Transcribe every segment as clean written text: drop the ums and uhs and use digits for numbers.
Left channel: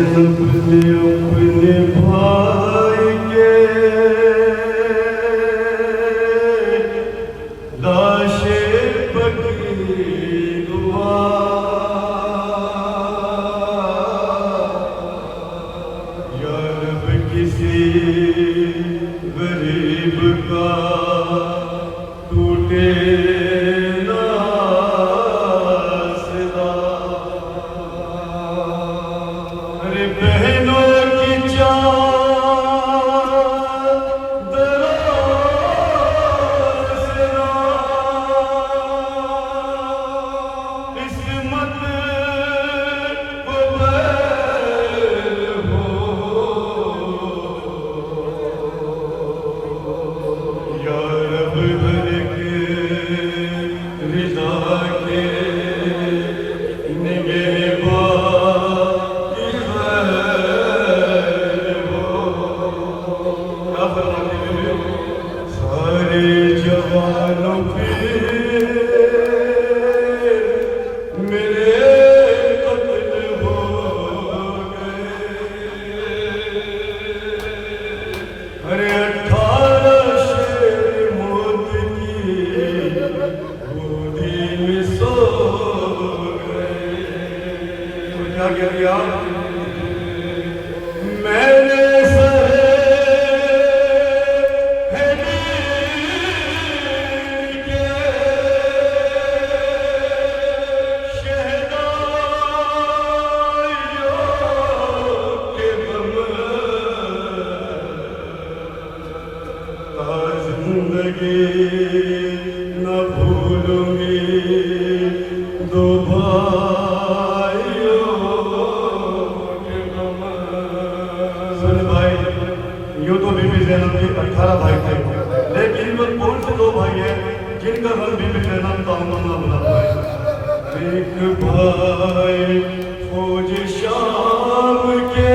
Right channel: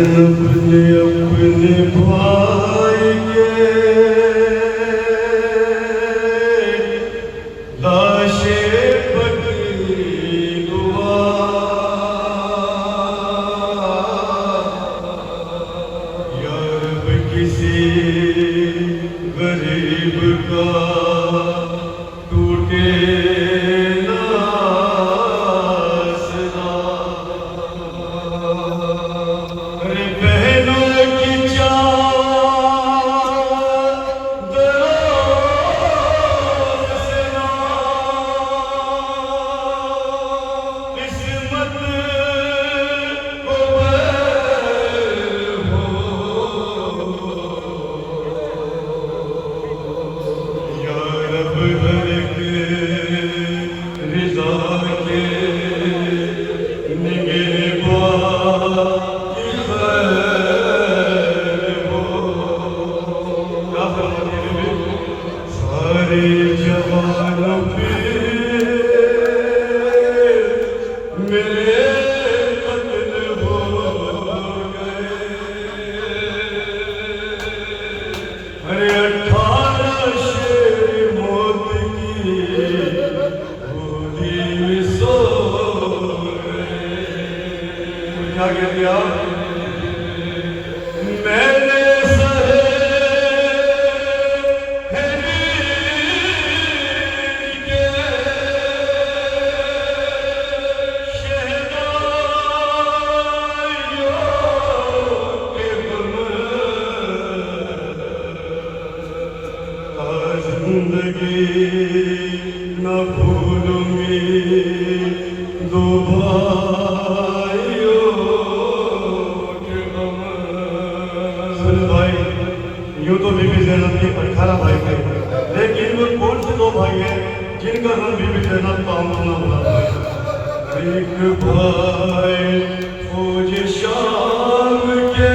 अपने अपने भाई के लाशें पकड़ी हुआ या रब किसी गरीब का टूटे न भूलूंगी दो भाइयों के गम। सुन भाई, यूं तो बीबी ज़ैनब के 18 भाई थे, लेकिन वो कौन से दो भाई हैं जिनका नाम बीबी ज़ैनब का नाम है? एक भाई फौज शाम के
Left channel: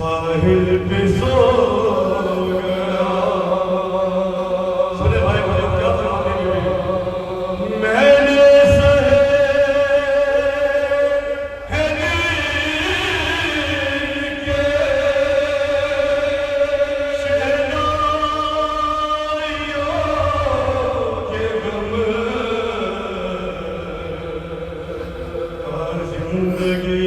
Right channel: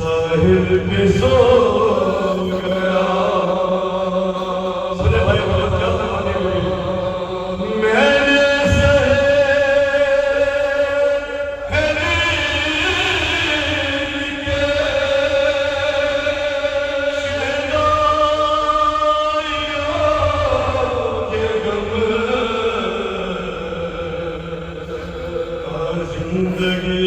साहिल पे सो गया। सुने भाई मुझे क्या फरमाने लगे? मैंने सहे के गम जिंदगी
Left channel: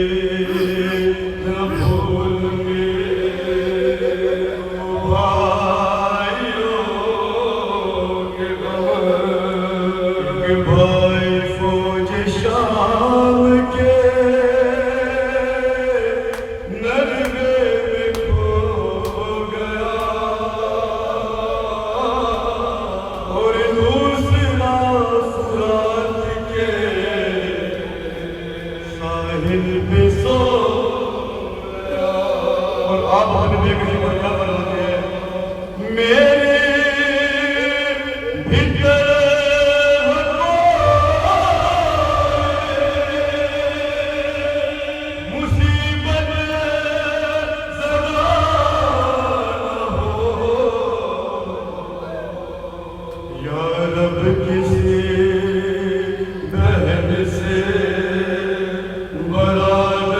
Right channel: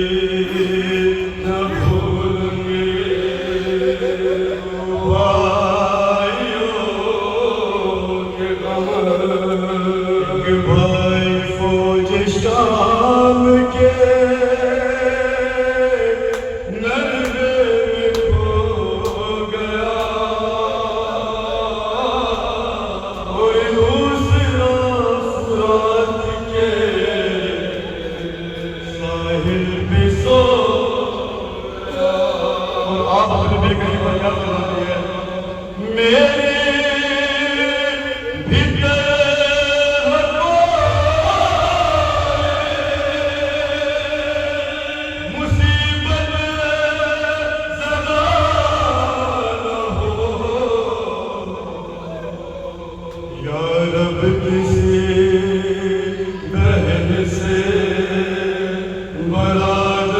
भाई फौज शाम के नरगे में खो गया और दूसरा फुरात के साहिल पे सो गया। और आप अपने बेगनी पर क्या बनाते हैं? मेरे भीतर बरात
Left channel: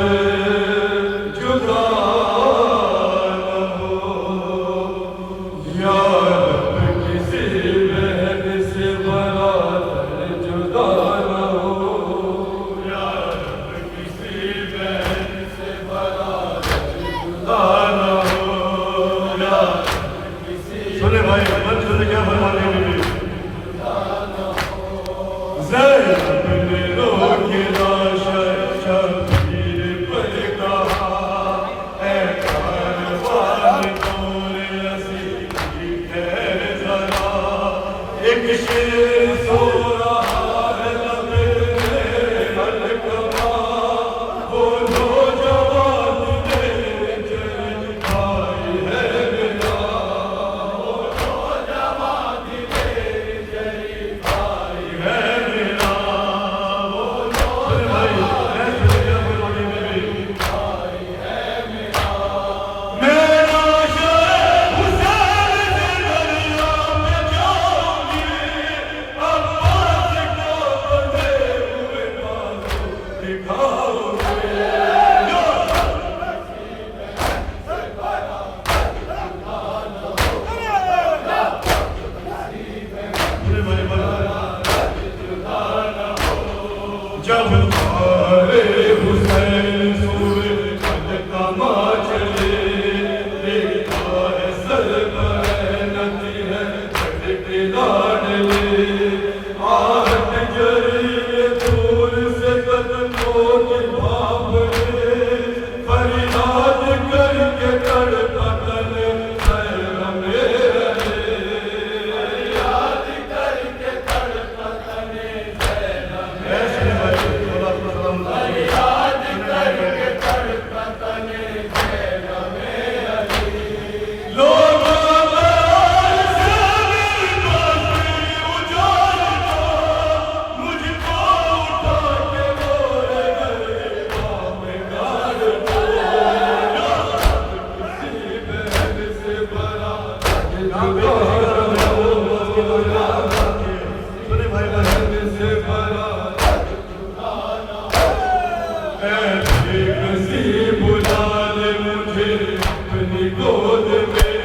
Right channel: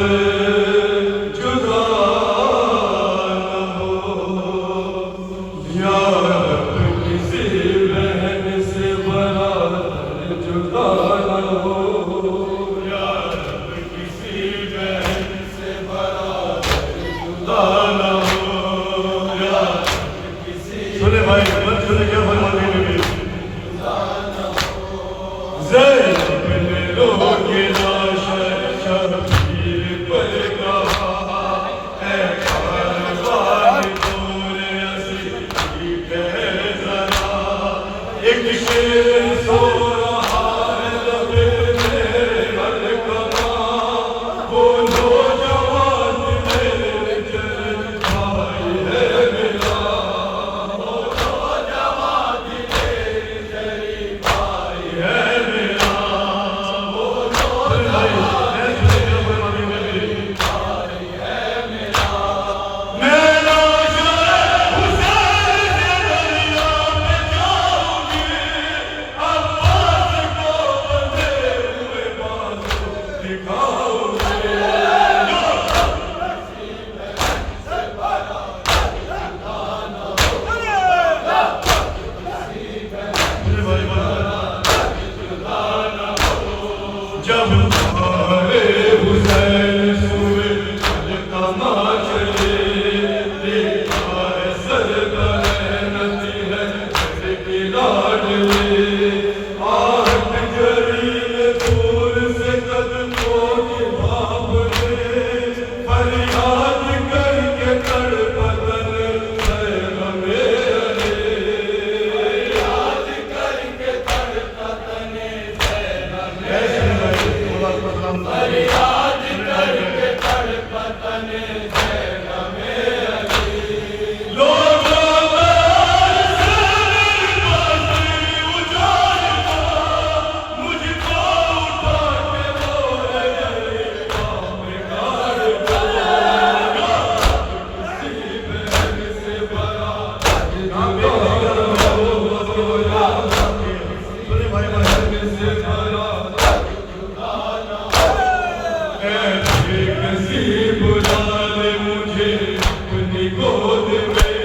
नसीब बुला ले मुझे अपनी गोद में,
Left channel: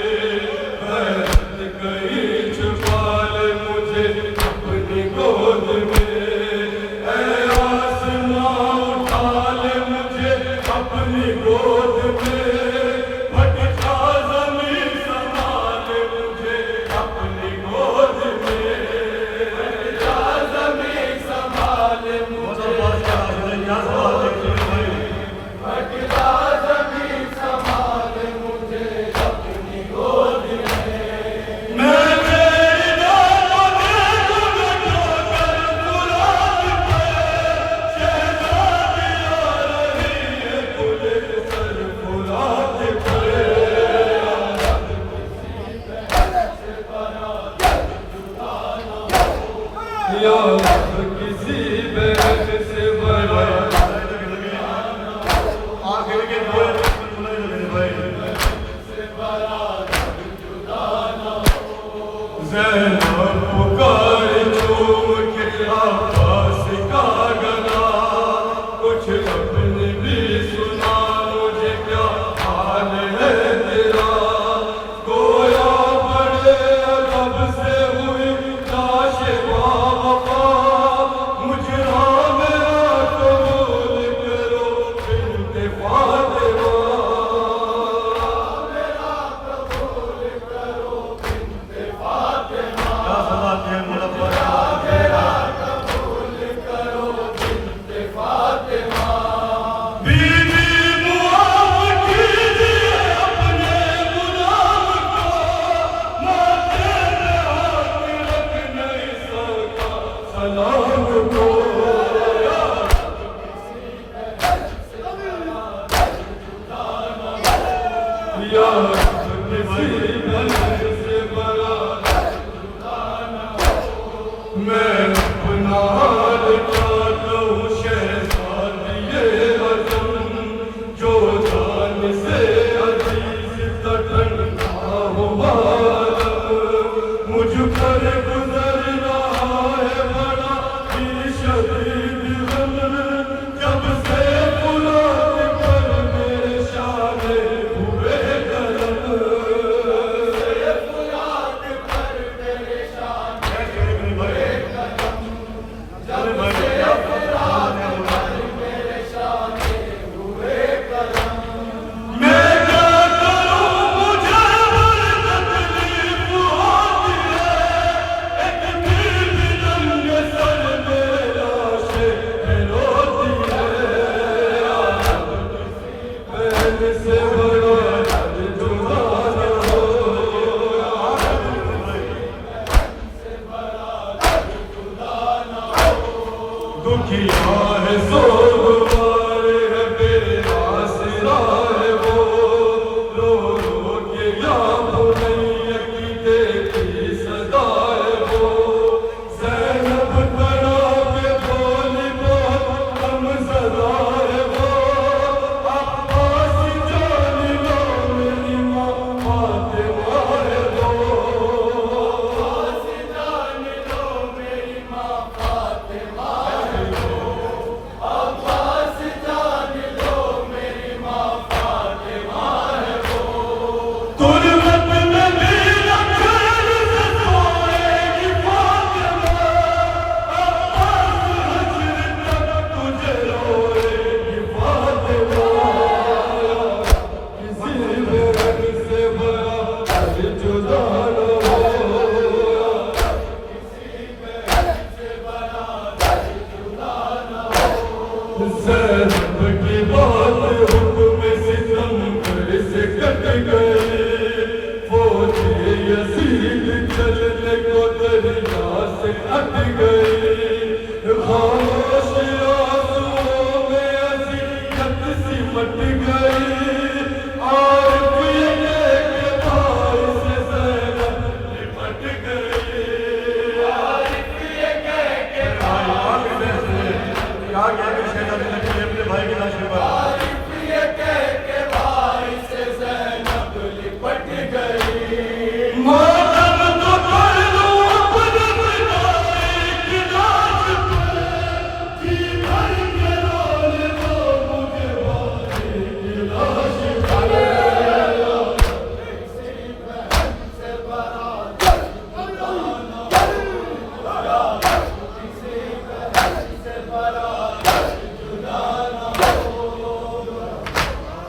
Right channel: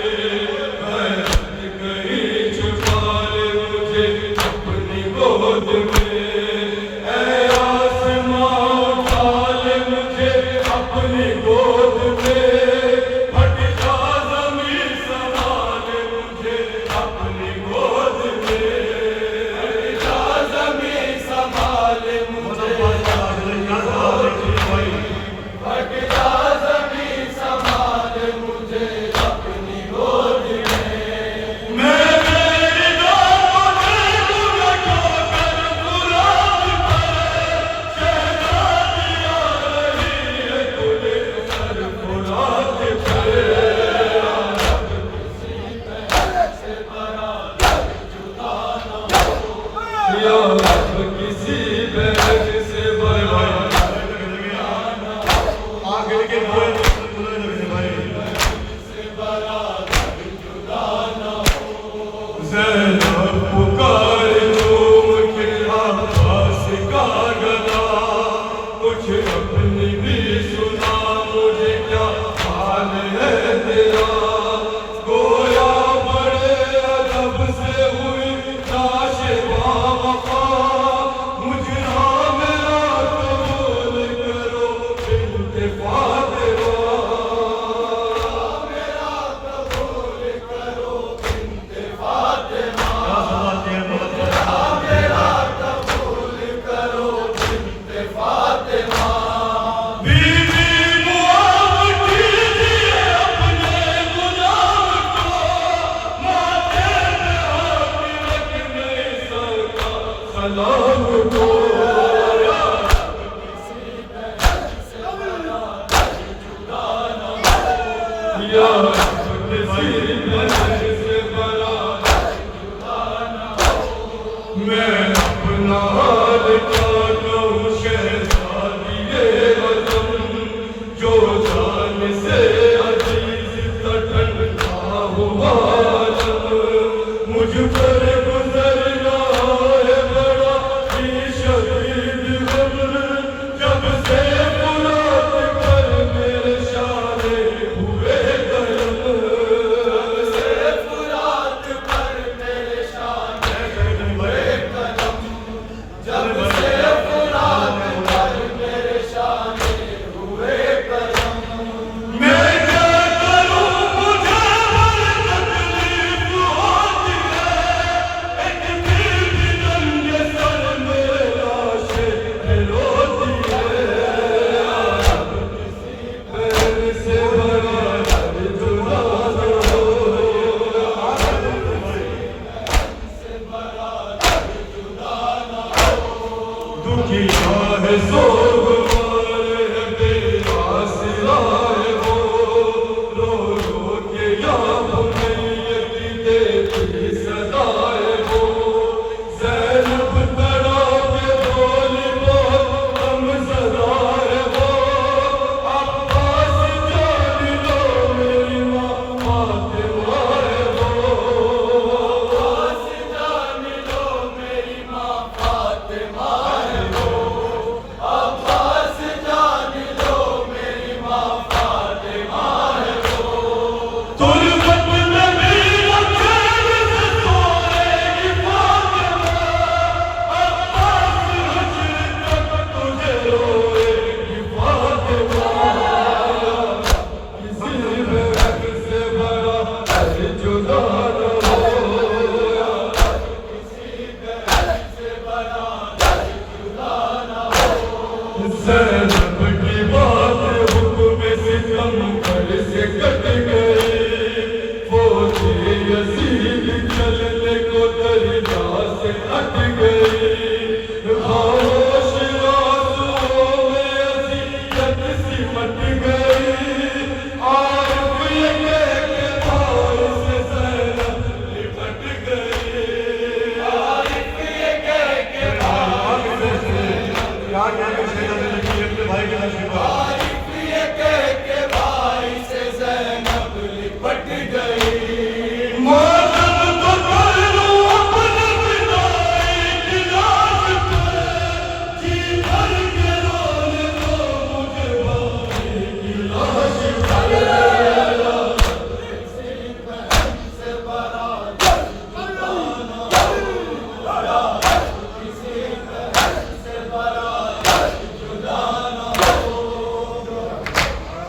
हद कहीं छुपा ले मुझे अपनी गोद में, ऐ आसमां उठा ले मुझे अपनी गोद में, हट जा ज़मीन संभाल मुझे अपनी गोद में, हट जा ज़मीन संभाल मुझे अपनी गोद में, हट जा ज़मीन संभाल मुझे अपनी गोद में। मैं तेरी दोनों नैनों ठोकर गुलाब पर, शहज़ादी आ रही है गुल सर फुलाद पर, या रब किसी बहक से बड़ा आखिर के ज़ैनब पुकारे चूम के आवाज़ का गला, कुछ अपनी भी सुना मुझे क्या हाल है तेरा, गोया बड़े अदब से हुई लाश बावफा, मुजरा मेरा कबूल करो बिन्ते फातिमा, मेरा कबूल करो बिन्ते फातिमा, मेरा कबूल करो बिन्ते फातिमा। बीवी मुआफ़ कीजिए अपने गुलाम को, माथे में हाथ रखने सका सलाम को, या रब किसी बहक से बड़ा जुदा न हो, या रब किसी